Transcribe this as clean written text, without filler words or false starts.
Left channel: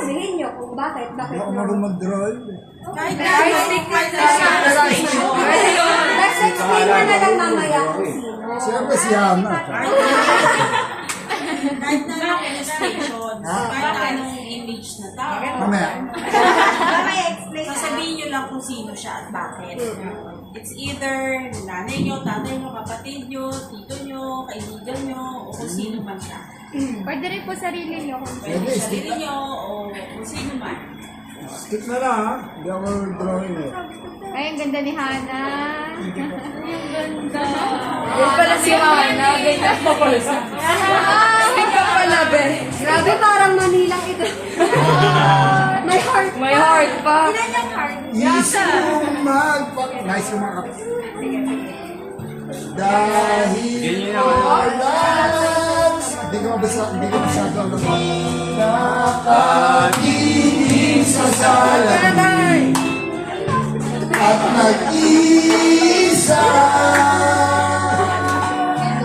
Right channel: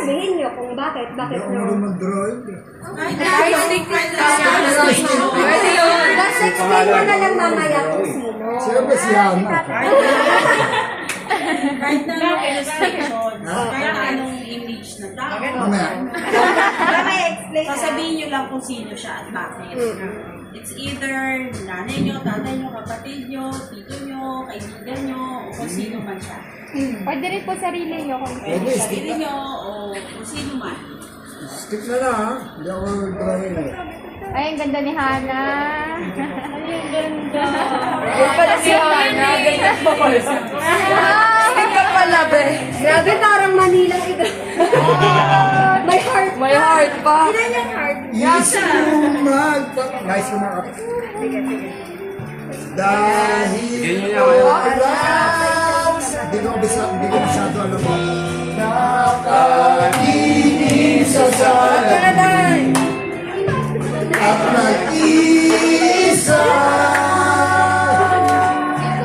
sabihin nyo kung bakit Hindi ako no. marunong mag-drawing. Artistic pwede yun. Tapos explain mo na lang mamaya kung sino. Siyempre si Hana. Kahit na lang illustration, kahit anong image na tao. Mamaya. Sasabihin nyo lang kung sino siya at bakit. It's either nanay nyo, tatay nyo, kapatid nyo, tito nyo, kaibigan nyo, o kung sino man siya. Pwede rin po sarili nyo kung Pwede, skip. Sarili nyo, o kung sino man. Skip na lang ha. Hindi ako drawing eh. Ay, ang ganda ni Hana. Ay, ang ganda. Yan pala si Hana. Ganda pa pala siya. Ay, pa pala, be. Grabe, parang Manilang ito. May heart. May heart pa. Ilan yung heart? Yes, nice yung mga kapit. Dahil ko loves. Hindi ko masyado alam mo.